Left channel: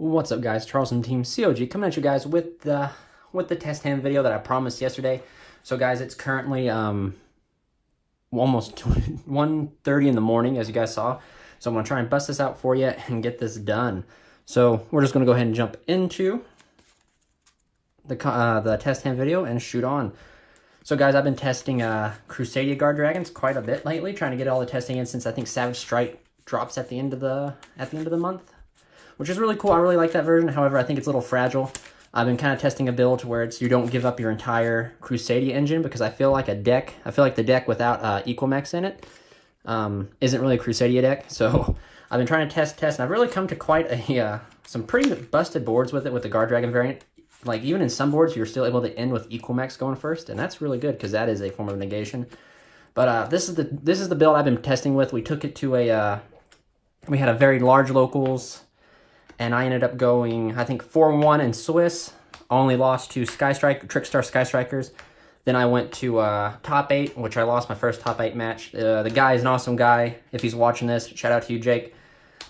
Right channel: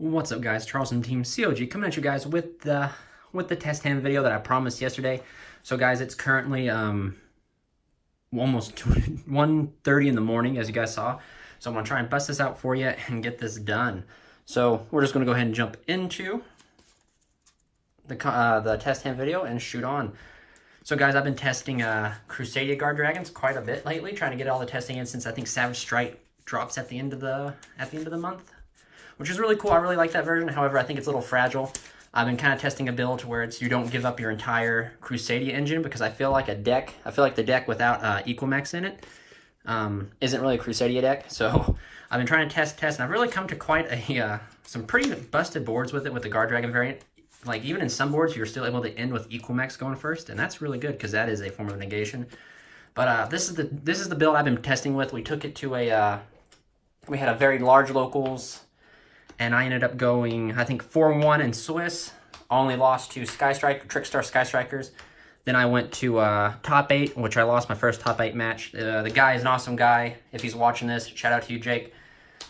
What's up, guys? Charles and Team COG coming at you guys with the test hand video that I promised yesterday. So guys, it's currently almost 1:30 in the morning, as you guys saw. So I'm gonna try and bust this out for you and get this done. So we're just gonna go ahead and jump into the test hand video and shoot on. So guys, I've been testing Crusadia guard dragons quite a bit lately, trying to get all the testing in since I think Savage Strike drops at the end of the month, which is really cool. I really like that version. However, I think it's a little fragile. I've been kind of testing a build to where you don't give up your entire Crusadia engine, because I feel like the deck without Equimex in it isn't really a Crusadia deck. So I've been trying to test, and I've really come to quite some pretty busted boards with it with the guard dragon variant. Like, even in some boards, you're still able to end with Equimex going first, and that's really good because that is a form of negation. But this is the build I've been testing with. We took it to we had a very large locals, and I ended up going, I think, 4-1 in Swiss. Only lost to Trickstar Sky Strikers. Then I went to top 8, which I lost my first top 8 match. The guy is an awesome guy. If he's watching this, shout out to you, Jake.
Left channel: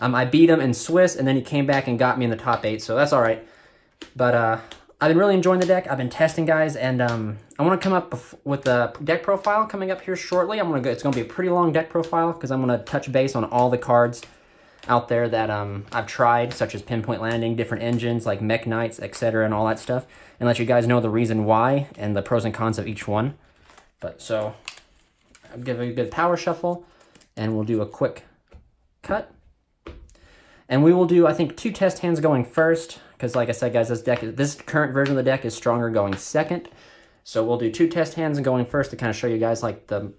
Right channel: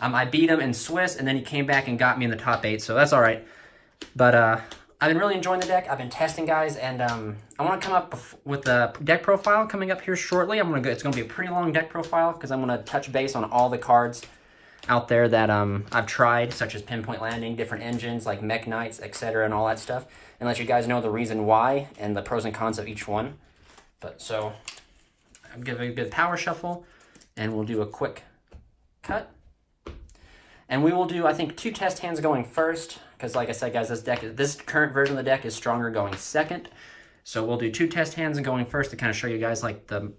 I beat him in Swiss, and then he came back and got me in the top 8, so that's all right. But I've been really enjoying the deck. I've been testing, guys, and I want to come up with the deck profile coming up here shortly. It's going to be a pretty long deck profile because I'm going to touch base on all the cards out there that I've tried, such as Pinpoint Landing, different engines like Mech Knights, etc., and all that stuff, and let you guys know the reason why and the pros and cons of each one. But so I'll give it a good power shuffle, and we'll do a quick cut. And we will do, I think, 2 test hands going first, because like I said, guys, this current version of the deck is stronger going second. So we'll do 2 test hands going first to kind of show you guys like the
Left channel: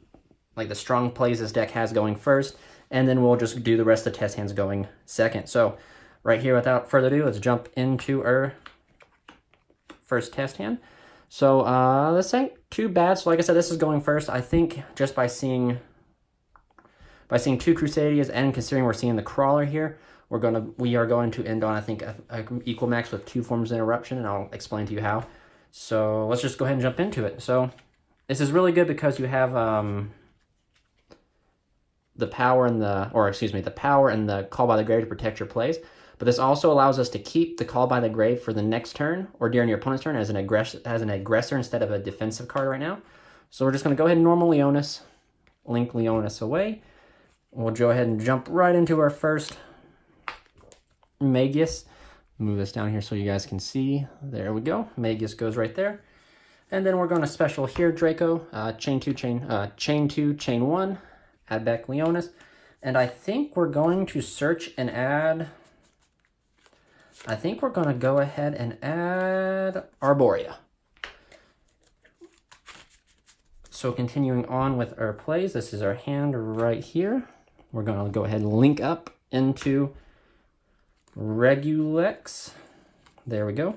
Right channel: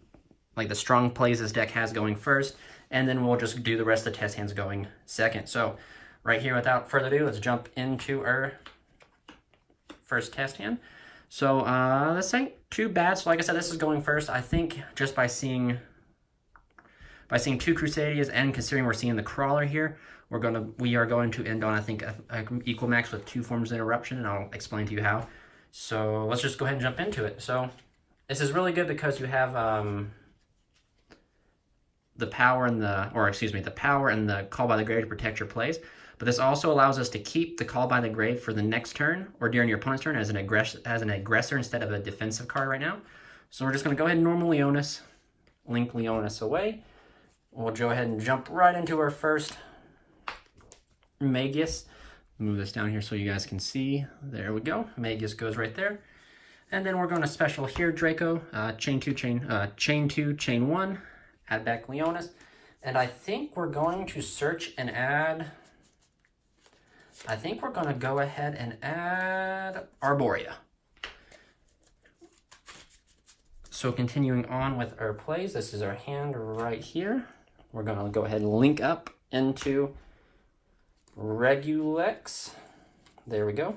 strong plays this deck has going first, and then we'll just do the rest of the test hands going second. So right here, without further ado, let's jump into our first test hand. So this ain't too bad. So like I said, this is going first. I think just by seeing 2 Crusadias and considering we're seeing the crawler here, we are going to end on, I think, a Equimex with 2 forms of interruption, and I'll explain to you how. So let's just go ahead and jump into it. So this is really good because you have the power and the Call by the Grave to protect your plays. But this also allows us to keep the Call by the Grave for the next turn or during your opponent's turn as an aggressor instead of a defensive card right now. So we're just going to go ahead and normal Leonis, link Leonis away. We'll go ahead and jump right into our first Magius. Move this down here so you guys can see. There we go. Magius goes right there. And then we're going to special here Draco, chain 2, chain 1, add back Leonis. And I think we're going to search and add, I think we're going to go ahead and add Arborea. So continuing on with our plays, this is our hand right here. We're going to go ahead and link up into Regulex. There we go.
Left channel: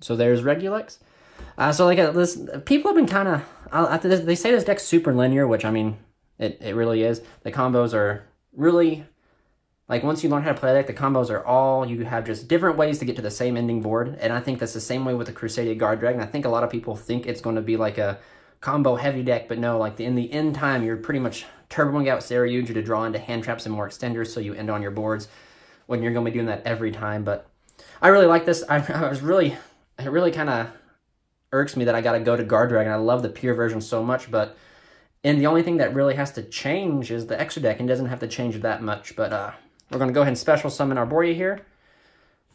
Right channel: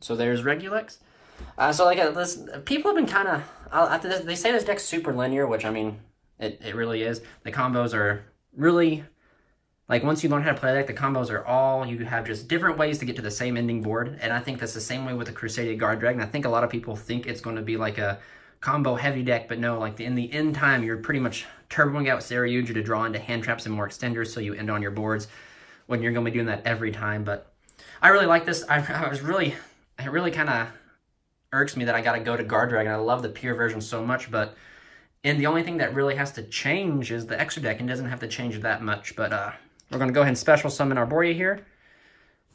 So there's Regulex. So like this, people have been kind of, they say this deck's super linear, which I mean, it really is. The combos are really, like, once you learn how to play the deck, the combos are all, you have just different ways to get to the same ending board. And I think that's the same way with the Crusadia Guard Dragon. I think a lot of people think it's going to be like a combo heavy deck, but no, like in the end time, you're pretty much turboing out Saryuja to draw into hand traps and more extenders, so you end on your boards when you're going to be doing that every time. But I really like this. It really kind of irks me that I got to go to Guard Dragon. I love the pure version so much, and the only thing that really has to change is the extra deck, and doesn't have to change that much. But we're going to go ahead and special summon Arborea here,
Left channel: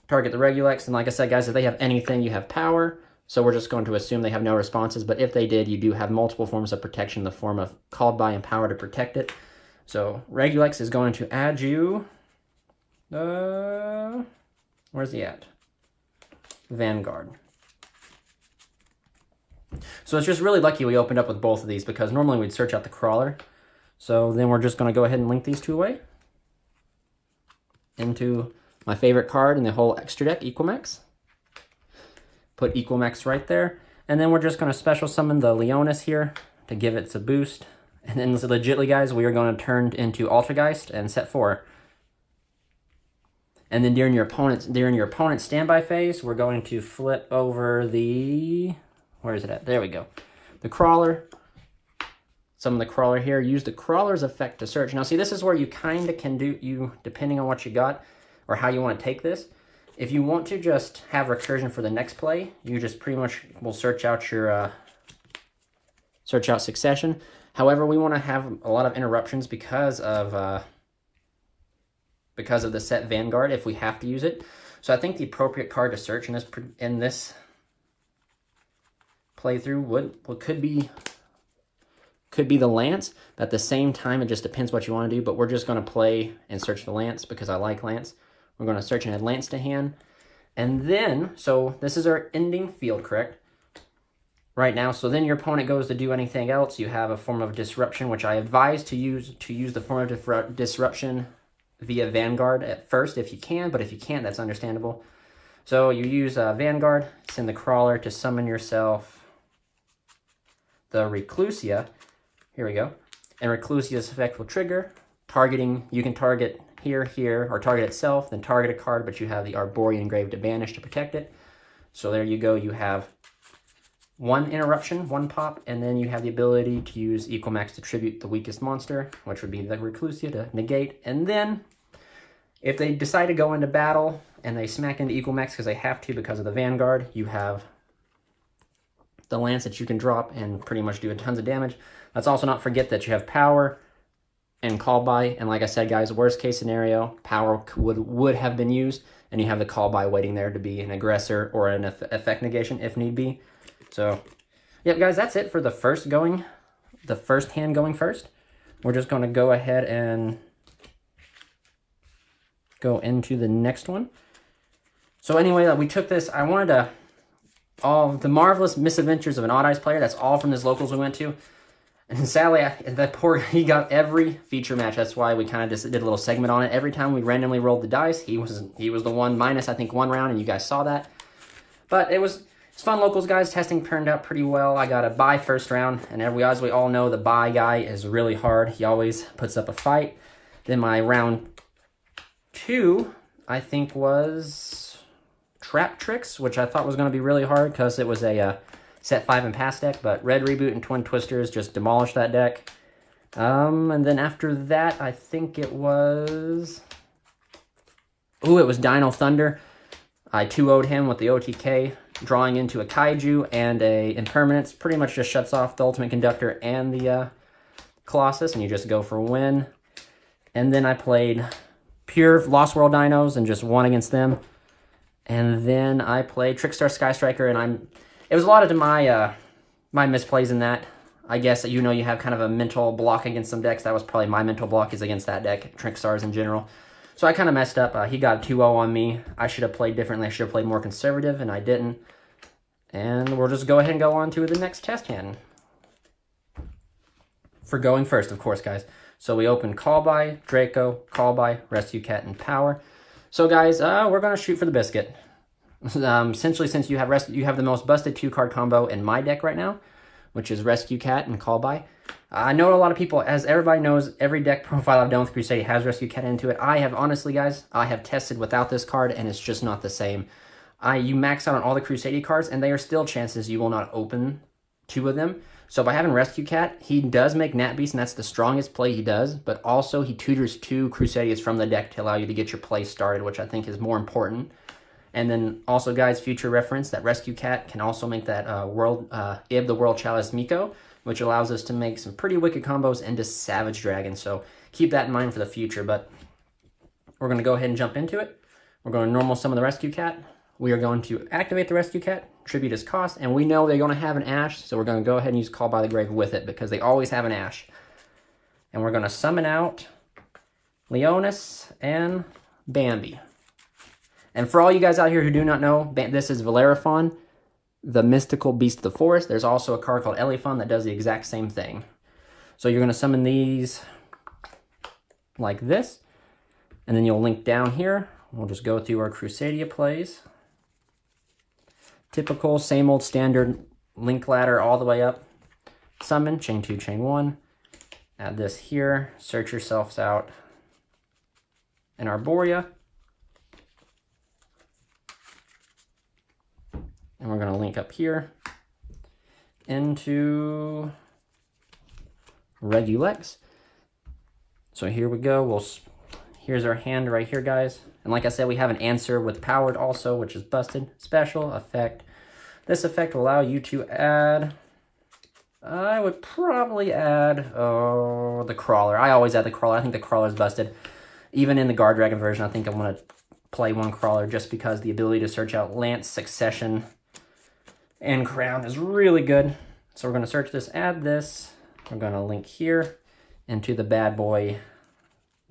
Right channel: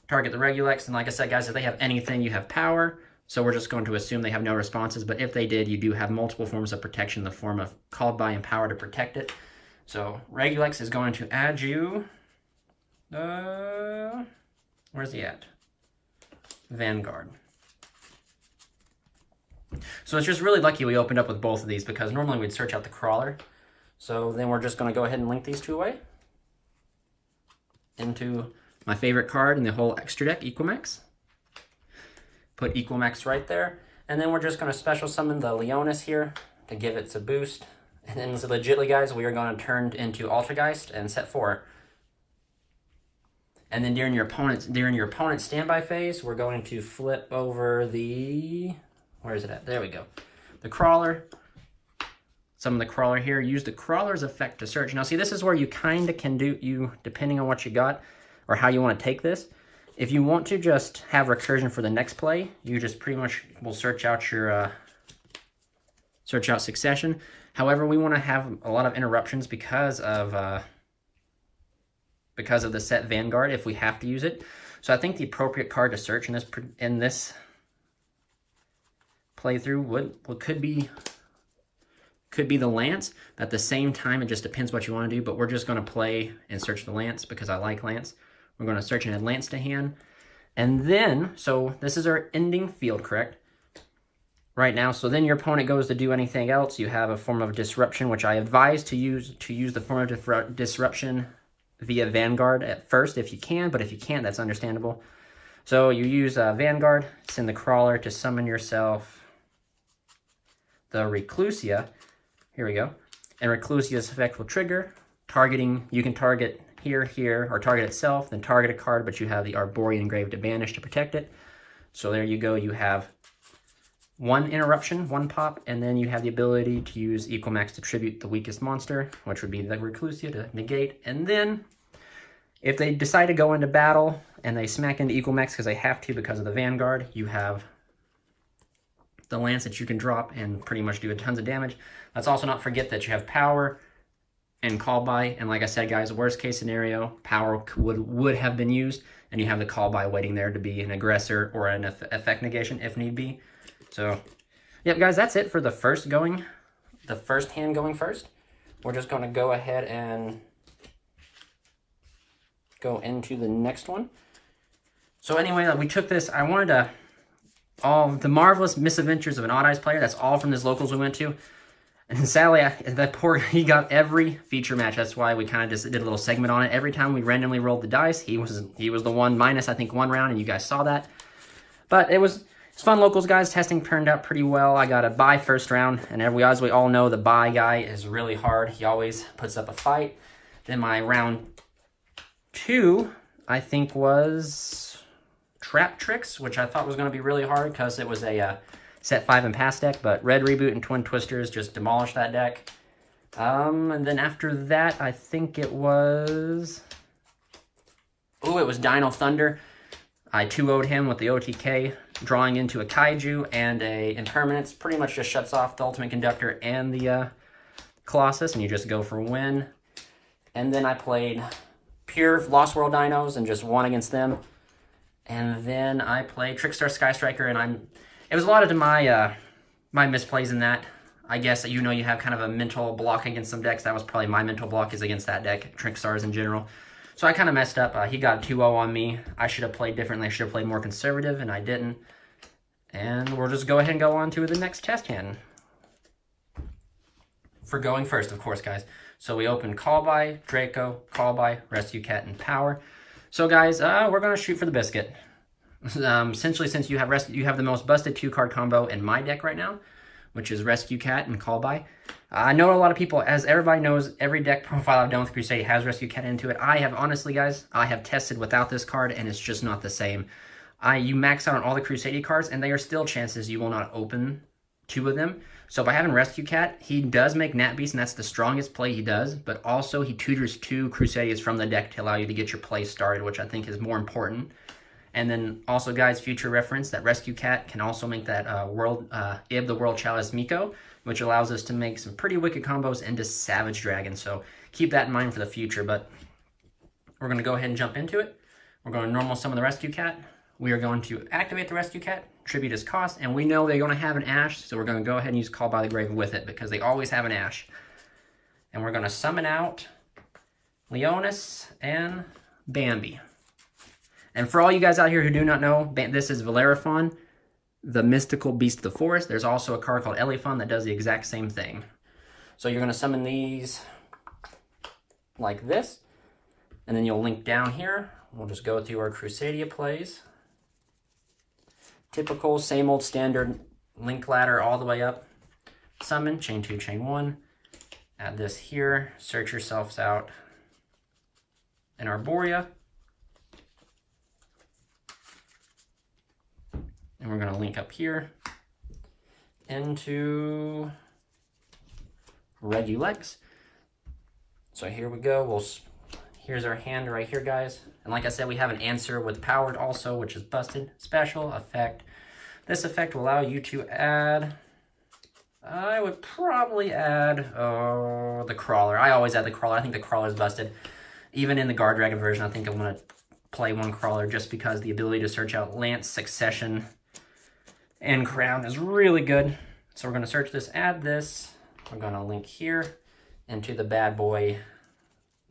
target the Regulex, and like I said, guys, if they have anything, you have power. So we're just going to assume they have no responses, but if they did, you do have multiple forms of protection in the form of Called By and Power to protect it. So Regulex is going to add you, where's he at? Vanguard. So it's just really lucky we opened up with both of these, because normally we'd search out the crawler. So then we're just going to go ahead and link these 2 away into my favorite card in the whole extra deck, Equimex. Put Equimex right there. And then we're just going to special summon the Leonis here to give it a boost. And then legitly, guys, we are going to turn into Altergeist and set 4. And then during your opponent's standby phase, we're going to flip over the, where is it at? There we go. The crawler. Summon the crawler here. Use the crawler's effect to search. Now see, this is where you kind of can do, depending on what you got or how you want to take this, If you want to just have recursion for the next play, you just pretty much will search out your succession. However, we want to have a lot of interruptions because of the set Vanguard if we have to use it. So I think the appropriate card to search in this playthrough could be the Lance. But at the same time, it just depends what you want to do. But we're just going to play and search the Lance because I like Lance. We're going to search and add Lance to hand. And then, so this is our ending field, correct? Right now, so then your opponent goes to do anything else. You have a form of disruption, which I advise to use the form of disruption via Vanguard at first if you can, but if you can't, that's understandable. So you use Vanguard, send the crawler to summon yourself the Reclusia. Here we go. And Reclusia's effect will trigger, targeting, you can target here, or target itself, then target a card, but you have the Arborean Grave to banish to protect it. So there you go, you have one interruption, one pop, and then you have the ability to use Equal Max to tribute the weakest monster, which would be the Reclusia to negate. And then, if they decide to go into battle, and they smack into Equal Max because they have to because of the Vanguard, you have the Lance that you can drop and pretty much do tons of damage. Let's also not forget that you have power and call by, and like I said, guys, worst case scenario, power would have been used, and you have the call by waiting there to be an aggressor or an effect negation if need be. So, yeah, guys, that's it for the first hand going first. We're just going to go ahead and go into the next one. So anyway, we took this, I wanted to, all the marvelous misadventures of an Odd Eyes player, that's all from his locals we went to. And sadly, he got every feature match. That's why we kind of just did a little segment on it. Every time we randomly rolled the dice, he was the one minus, I think, one round, and you guys saw that. But it's fun locals, guys. Testing turned out pretty well. I got a bye first round, and as we all know, the bye guy is really hard. He always puts up a fight. Then my round 2, I think, was Trap Tricks, which I thought was going to be really hard because it was a set 5 and pass deck, but Red Reboot and Twin Twisters just demolished that deck. And then after that, I think it was... Ooh, it was Dino Thunder. I 2-0'd him with the OTK, drawing into a Kaiju and a Impermanence. Pretty much just shuts off the Ultimate Conductor and the Colossus, and you just go for win. And then I played pure Lost World Dinos and just won against them. And then I played Trickstar Sky Striker, and it was a lot of my misplays in that. I guess you have kind of a mental block against some decks. That was probably my mental block is against that deck, Trickstars in general. So I kind of messed up. He got 2-0 on me. I should have played differently. I should have played more conservative, and I didn't. And we'll just go ahead and go on to the next test hand. For going first, of course, guys. So we open Call By, Draco, Call By, Rescue Cat, and Power. So guys, we're going to shoot for the biscuit. Essentially, since you have the most busted 2-card combo in my deck right now, which is Rescue Cat and Call By. I know a lot of people, as everybody knows, every deck profile I've done with Crusadia has Rescue Cat into it. I have, honestly, guys, I have tested without this card, and it's just not the same. You max out on all the Crusadia cards, and there are still chances you will not open 2 of them. So by having Rescue Cat, he does make Nat Beast, and that's the strongest play he does, but also he tutors 2 Crusadias from the deck to allow you to get your play started, which I think is more important. And then also, guys, future reference, that Rescue Cat can also make that Ib the World Chalice Miko, which allows us to make some pretty wicked combos into Savage Dragon. So keep that in mind for the future. But we're going to go ahead and jump into it. We're going to normal summon the Rescue Cat. We are going to activate the Rescue Cat, tribute his cost, and we know they're going to have an Ash, so we're going to go ahead and use Call by the Grave with it because they always have an Ash. And we're going to summon out Leonis and Bambi. And for all you guys out here who do not know, this is Valeraphon, the mystical beast of the forest. There's also a card called Elephon that does the exact same thing. So you're going to summon these like this, and then you'll link down here. We'll just go through our Crusadia plays. Typical, same old standard link ladder all the way up. Summon, chain 2, chain 1. Add this here, search yourselves out in Arborea. And we're going to link up here into Regulex. So here we go. We'll Here's our hand right here, guys. And like I said, we have an answer with powered also, which is busted. Special effect. This effect will allow you to add... I would probably add, the crawler. I always add the crawler. I think the crawler is busted. Even in the Guard Dragon version, I think I'm going to play one crawler just because the ability to search out Lance, Succession, and Crown is really good. So we're going to search this, add this. We're going to link here into the bad boy,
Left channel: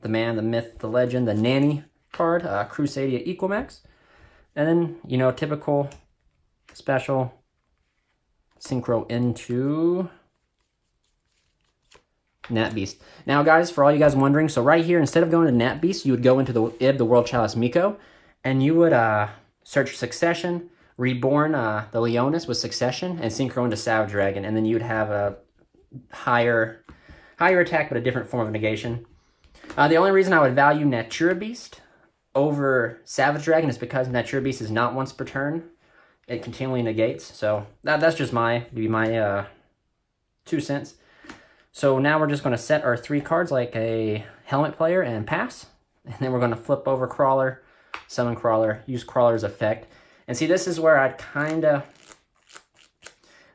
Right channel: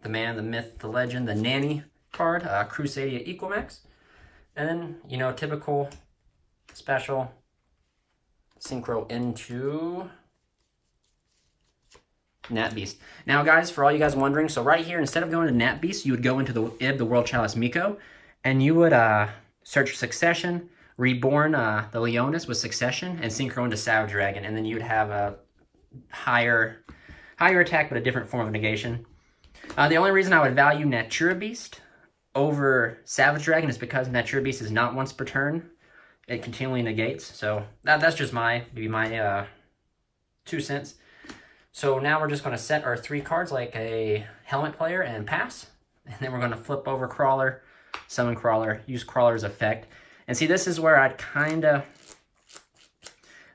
the man, the myth, the legend, the nanny card, Crusadia Equalmax. And then, you know, typical, special, synchro into Nat Beast. Now, guys, for all you guys wondering, so right here, instead of going to Nat Beast, you would go into the Ib, the World Chalice Miko, and you would search Succession, Reborn the Leonis with Succession, and synchro into Savage Dragon, and then you'd have a higher attack, but a different form of negation. The only reason I would value Natura Beast over Savage Dragon is because Natura Beast is not once per turn. It continually negates, so that's just my 2 cents. So now we're just going to set our 3 cards like a helmet player and pass. And then we're going to flip over Crawler, summon Crawler, use Crawler's effect. And see, this is where I'd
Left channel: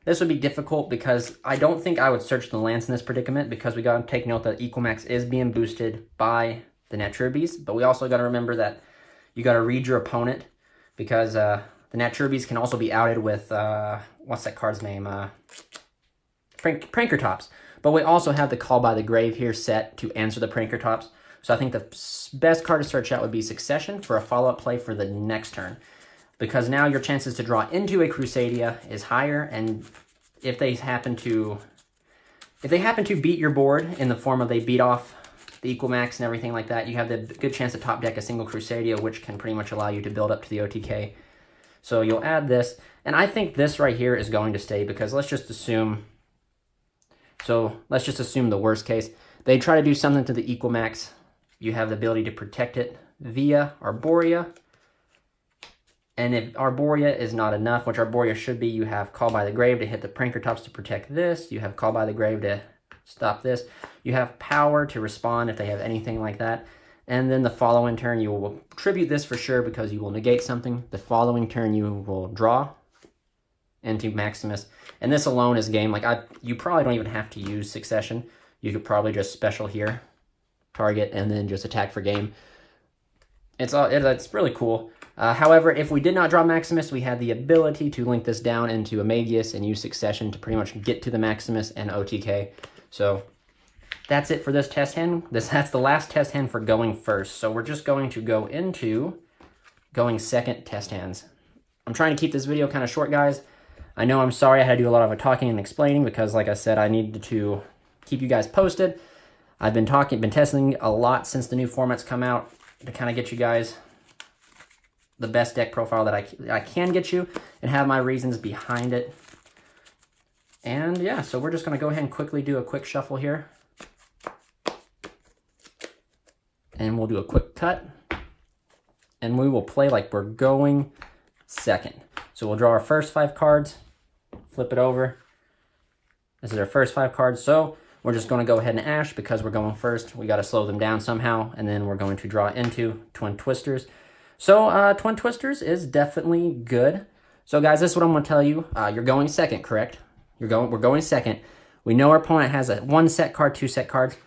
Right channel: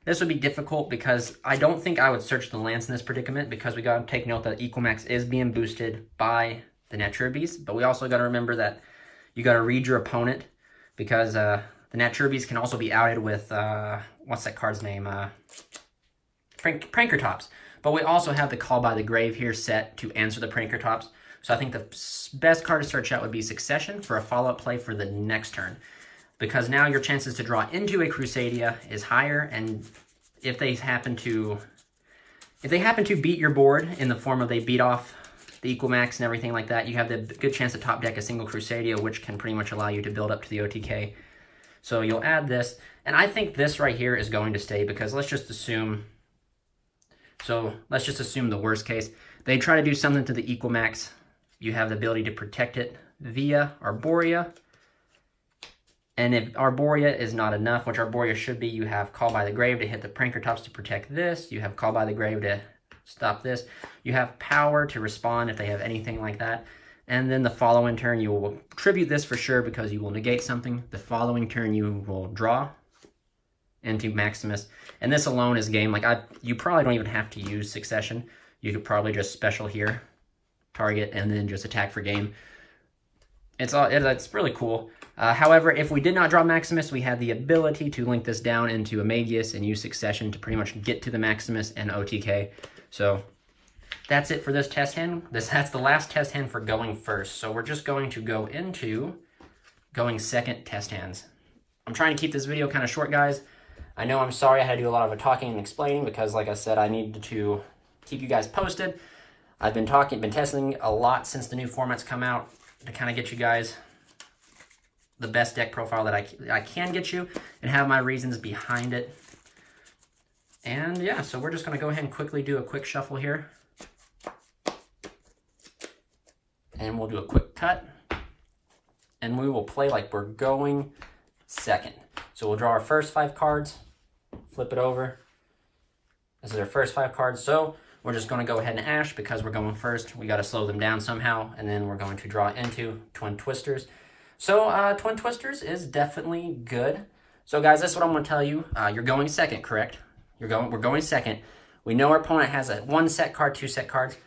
this would be difficult because I don't think I would search the Lance in this predicament because we got to take note that Equalmax is being boosted by the Natura Beast. But we also got to remember that you got to read your opponent because the Natura Beast can also be outed with, what's that card's name? Pranker Tops. But we also have the Call by the Grave here set to answer the Pranker Tops. So I think the best card to search out would be Succession for a follow-up play for the next turn. Because now your chances to draw into a Crusadia is higher, and if they happen to beat your board in the form of they beat off the Equalmax and everything like that, you have the good chance to top deck a single Crusadia, which can pretty much allow you to build up to the OTK. So you'll add this, and I think this right here is going to stay because let's just assume the worst case. They try to do something to the Equalmax. You have the ability to protect it via Arborea. And if Arborea is not enough, which Arborea should be, you have Call by the Grave to hit the Pranker Tops to protect this. You have Call by the Grave to stop this. You have Power to respond if they have anything like that. And then the following turn, you will tribute this for sure because you will negate something. The following turn, you will draw into Maximus. And this alone is game. Like, you probably don't even have to use Succession. You could probably just special here, target, and then just attack for game. It's really cool. However, if we did not draw Maximus, we had the ability to link this down into Amadeus and use Succession to pretty much get to the Maximus and OTK. So that's it for this test hand. That's the last test hand for going first. So we're just going to go into going second test hands. I'm trying to keep this video kind of short, guys. I know I'm sorry I had to do a lot of talking and explaining because, like I said, I needed to keep you guys posted. I've been testing a lot since the new formats come out to kind of get you guys the best deck profile that I can get you and have my reasons behind it. And yeah, so we're just going to go ahead and quickly do a quick shuffle here. And we'll do a quick cut. And we will play like we're going second. So we'll draw our first 5 cards, flip it over. This is our first 5 cards. So we're just going to go ahead and ash because we're going first. We got to slow them down somehow. And then we're going to draw into Twin Twisters. So Twin Twisters is definitely good. So guys, this is what I'm going to tell you. You're going second, correct? We're going second. We know our opponent has a 1 set card, 2 set cards,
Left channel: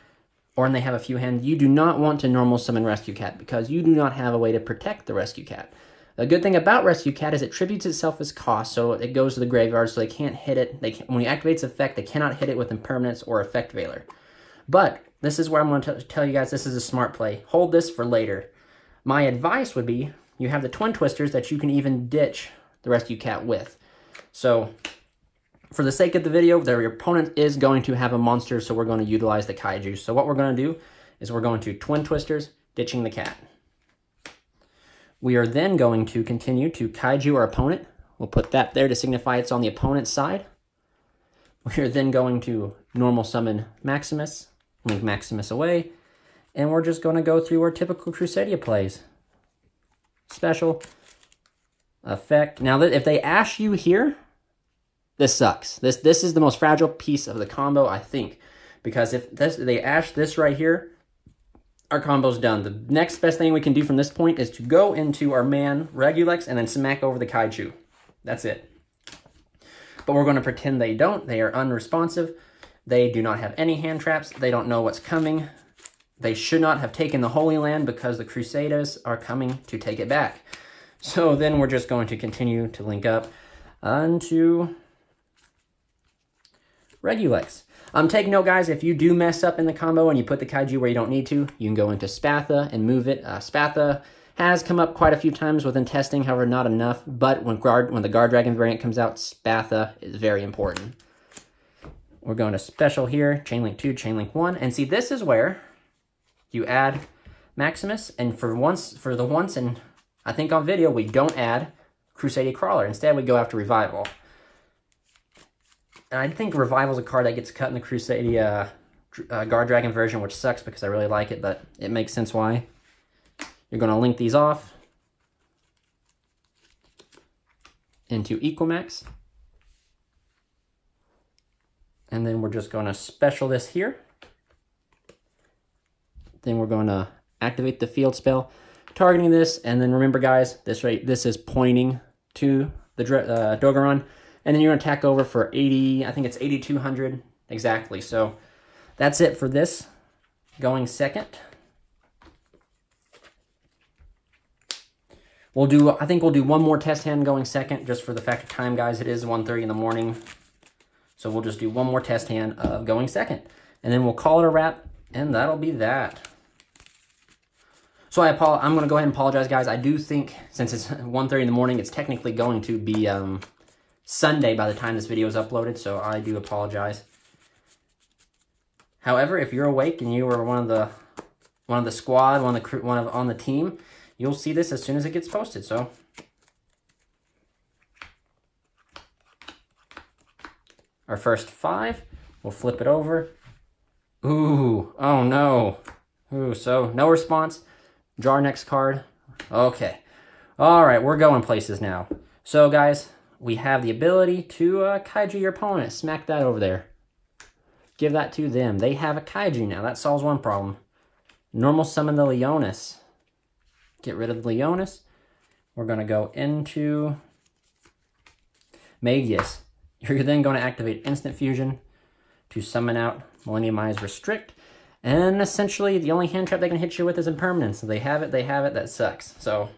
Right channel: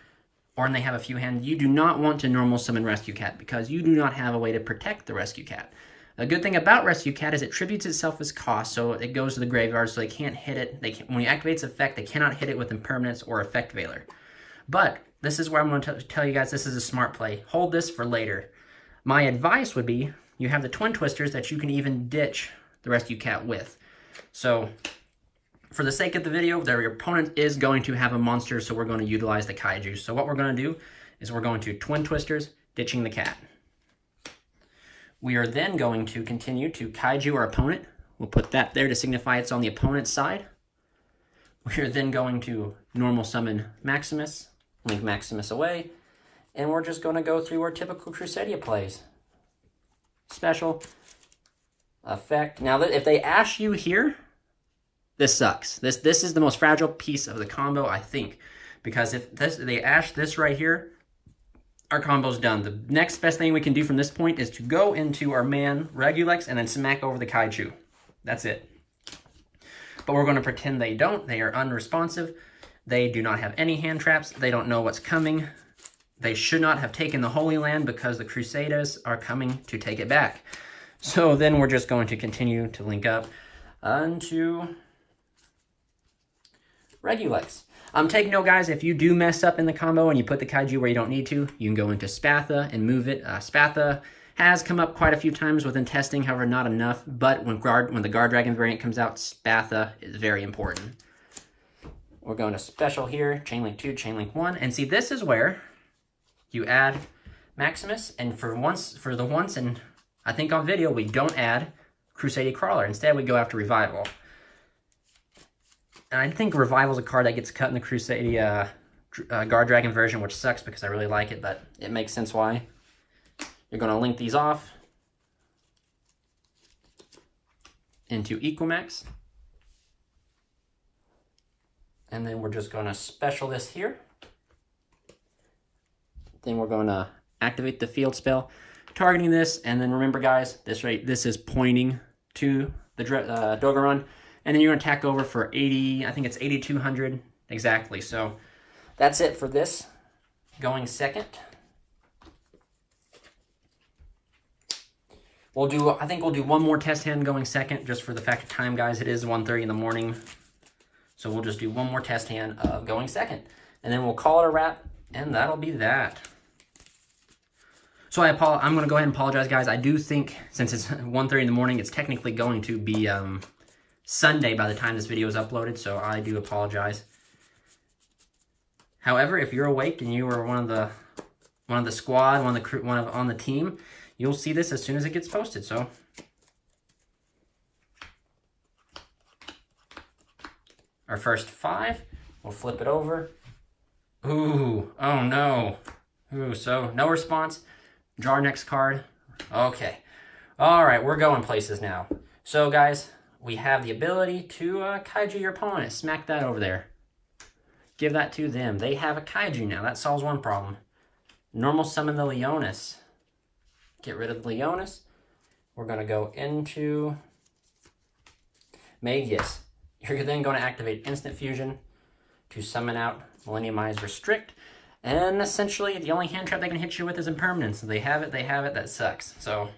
or they have a few hands. You do not want to normal summon Rescue Cat because you do not have a way to protect the Rescue Cat. The good thing about Rescue Cat is it tributes itself as cost, so it goes to the graveyard, so they can't hit it. When it activates effect, they cannot hit it with Impermanence or Effect Veiler. But this is where I'm going to tell you guys this is a smart play. Hold this for later. My advice would be you have the Twin Twisters that you can even ditch the Rescue Cat with. So for the sake of the video, your opponent is going to have a monster, so we're going to utilize the Kaiju. So what we're going to do is we're going to Twin Twisters, ditching the cat. We are then going to continue to Kaiju our opponent. We'll put that there to signify it's on the opponent's side. We are then going to normal summon Maximus, move Maximus away, and we're just going to go through our typical Crusadia plays. Special, effect. Now, if they ash you here, this sucks. This is the most fragile piece of the combo, I think, because if they ash this right here, our combo's done. The next best thing we can do from this point is to go into our man Regulex and then smack over the Kaiju. That's it. But we're going to pretend they don't. They are unresponsive. They do not have any hand traps. They don't know what's coming. They should not have taken the Holy Land because the Crusaders are coming to take it back. So then we're just going to continue to link up onto Regulex. Take note, guys, if you do mess up in the combo and you put the Kaiju where you don't need to, you can go into Spatha and move it. Spatha has come up quite a few times within testing, however, not enough. But when the Guard Dragon variant comes out, Spatha is very important. We're going to Special here, Chainlink 2, Chainlink 1. And see, this is where you add Maximus. And for the once, and I think on video, we don't add Crusadia Crawler. Instead, we go after Revival. And I think Revival is a card that gets cut in the Crusadia Guard Dragon version, which sucks because I really like it, but it makes sense why. You're going to link these off into Equamax. And then we're just going to special this here. Then we're going to activate the field spell, targeting this. And then remember, guys, this is pointing to the Dogoron. And then you're going to attack over for 80, I think it's 8,200 exactly. So that's it for this going second. I think we'll do one more test hand going second, just for the fact of time, guys. It is 1:30 in the morning. So we'll just do one more test hand of going second. And then we'll call it a wrap, and that'll be that. So I'm going to go ahead and apologize, guys. I do think, since it's 1:30 in the morning, it's technically going to be Sunday by the time this video is uploaded, so I do apologize. However, if you're awake and you were one of the squad, on the team, you'll see this as soon as it gets posted. So our first 5, we'll flip it over. Ooh, oh no. Ooh, so no response. Draw our next card. Okay. All right, we're going places now. So guys, we have the ability to Kaiju your opponent. Smack that over there. Give that to them. They have a Kaiju now. That solves one problem. Normal summon the Leonis. Get rid of the Leonis. We're going to go into Magius. You're then going to activate Instant Fusion to summon out Millenniumize Restrict. And essentially, the only hand trap they can hit you with is Impermanence. So they have it, that sucks. So,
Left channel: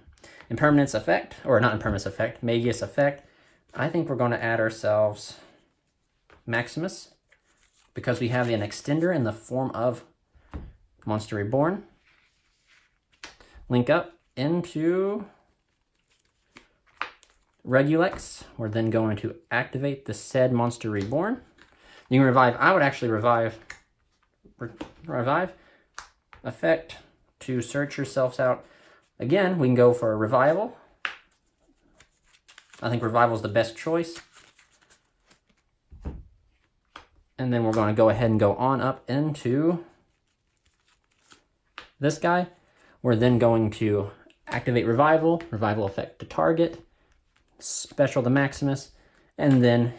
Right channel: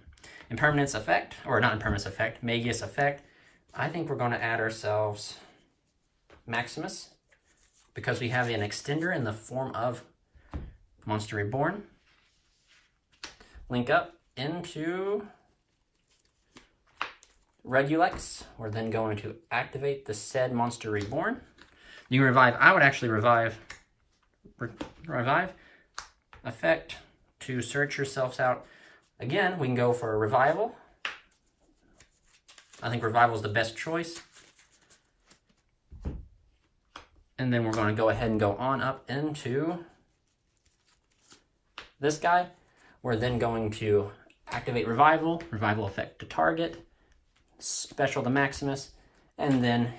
Impermanence effect, or not Impermanence effect, Magius effect. I think we're going to add ourselves Maximus, because we have an extender in the form of Monster Reborn. Link up into Regulex. We're then going to activate the said Monster Reborn. You can revive. I would actually revive effect to search yourselves out. Again, we can go for a revival. I think revival is the best choice. And then we're going to go ahead and go on up into this guy. We're then going to activate revival effect to target, special to Maximus, and then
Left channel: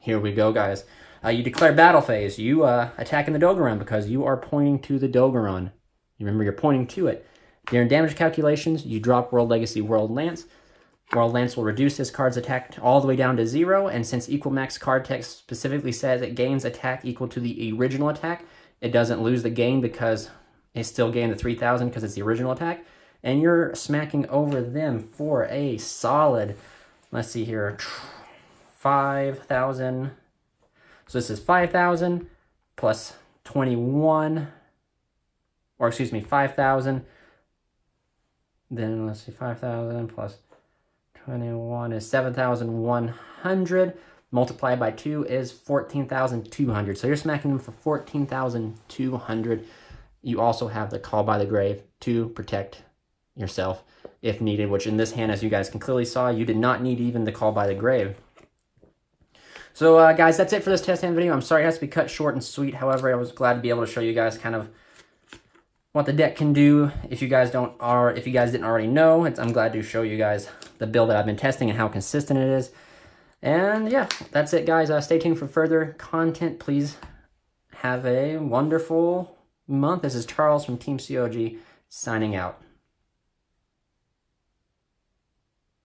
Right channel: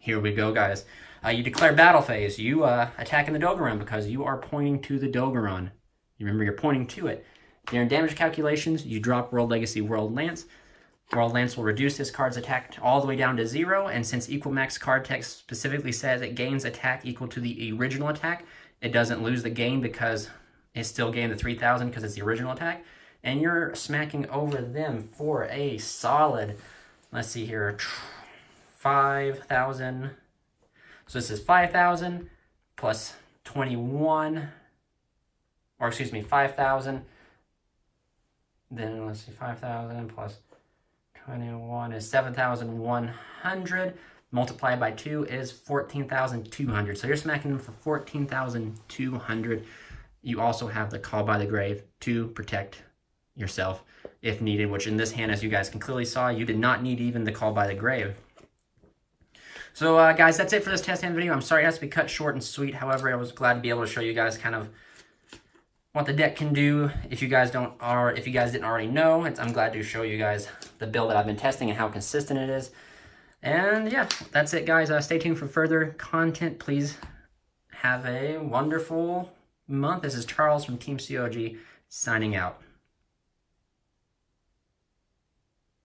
here we go, guys. You declare battle phase. You attacking the Dogoron because you are pointing to the Dogoron. Remember, you're pointing to it. During damage calculations, you drop World Legacy World Lance. World Lance will reduce this card's attack all the way down to 0, and since Equamax card text specifically says it gains attack equal to the original attack, it doesn't lose the gain because it still gained the 3,000 because it's the original attack. And you're smacking over them for a solid, let's see here, 5,000. So this is 5,000 plus 21, or excuse me, 5,000. Then let's see, 5,000 plus 21 is 7,100. Multiplied by 2 is 14,200. So you're smacking them for 14,200. You also have the Call by the Grave to protect yourself if needed, which in this hand, as you guys can clearly saw, you did not need even the Call by the Grave. So guys, that's it for this test hand video. I'm sorry it has to be cut short and sweet. However, I was glad to be able to show you guys kind of what the deck can do. If you guys didn't already know, I'm glad to show you guys the build that I've been testing and how consistent it is. And yeah, that's it, guys. Stay tuned for further content. Please have a wonderful month. This is Charles from Team COG signing out.